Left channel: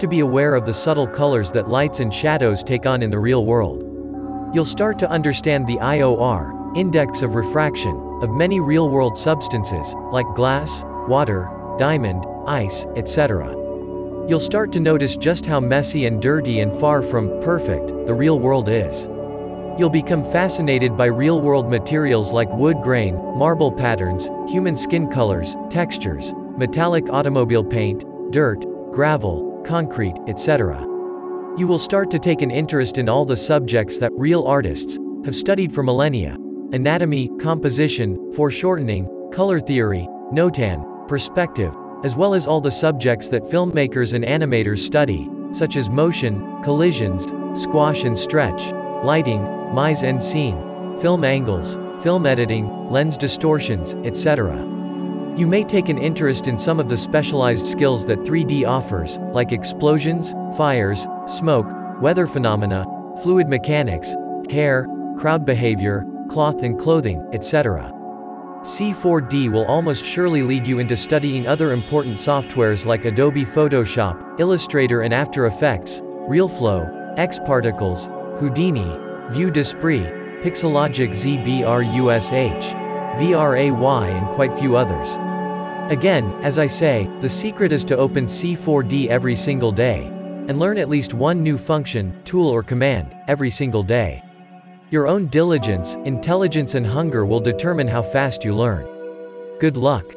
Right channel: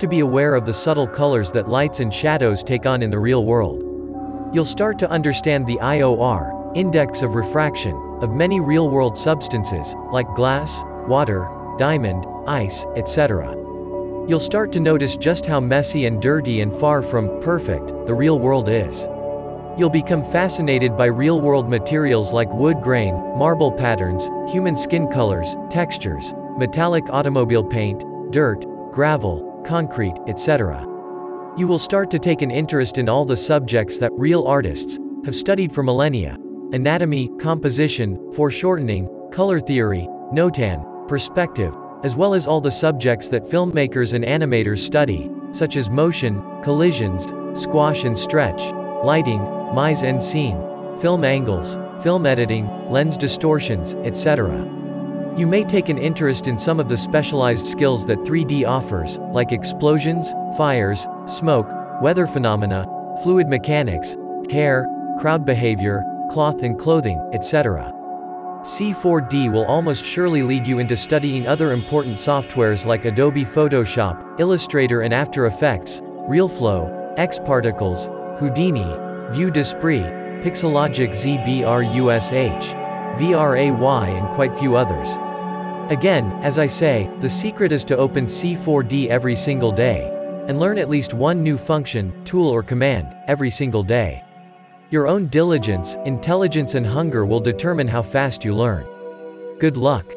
to be aware of the subtle colors that lights and shadows take on in the real world. You'll start to understand the IOR, index of refraction, of many real-world substances, like glass, water, diamond, ice, etc. You'll start to notice just how messy and dirty and far from perfect the real world is. You'll become fascinated by real-world materials like wood grain, marble patterns, human skin colors, textures, metallic automobile paint, dirt, gravel, concrete, etc. You will start to take an interest in all the subjects that real artists have studied for millennia: anatomy, composition, foreshortening, color theory, notan, perspective, as well as all the subjects that filmmakers and animators study, such as motion, collisions, squash and stretch, lighting, mise en scene, film angles, film editing, lens distortions, etc. You may take an interest in some of the specialized skills that 3D offers, like explosions, fires, smoke, weather phenomena, fluid mechanics, hair, crowd behavior, cloth and clothing, etc. C4D will almost surely lead you into studying other important softwares like Adobe Photoshop, Illustrator and After Effects, RealFlow, Xparticles, Houdini, Vue d'Esprit, Pixelogic ZBrush, VRAY and quite few others. Again, as I say, the secret is to open C4D every single day, and learn at least one new function, tool or command, every single day. Your own diligence, intelligence and hunger will determine how fast you learn. Good luck.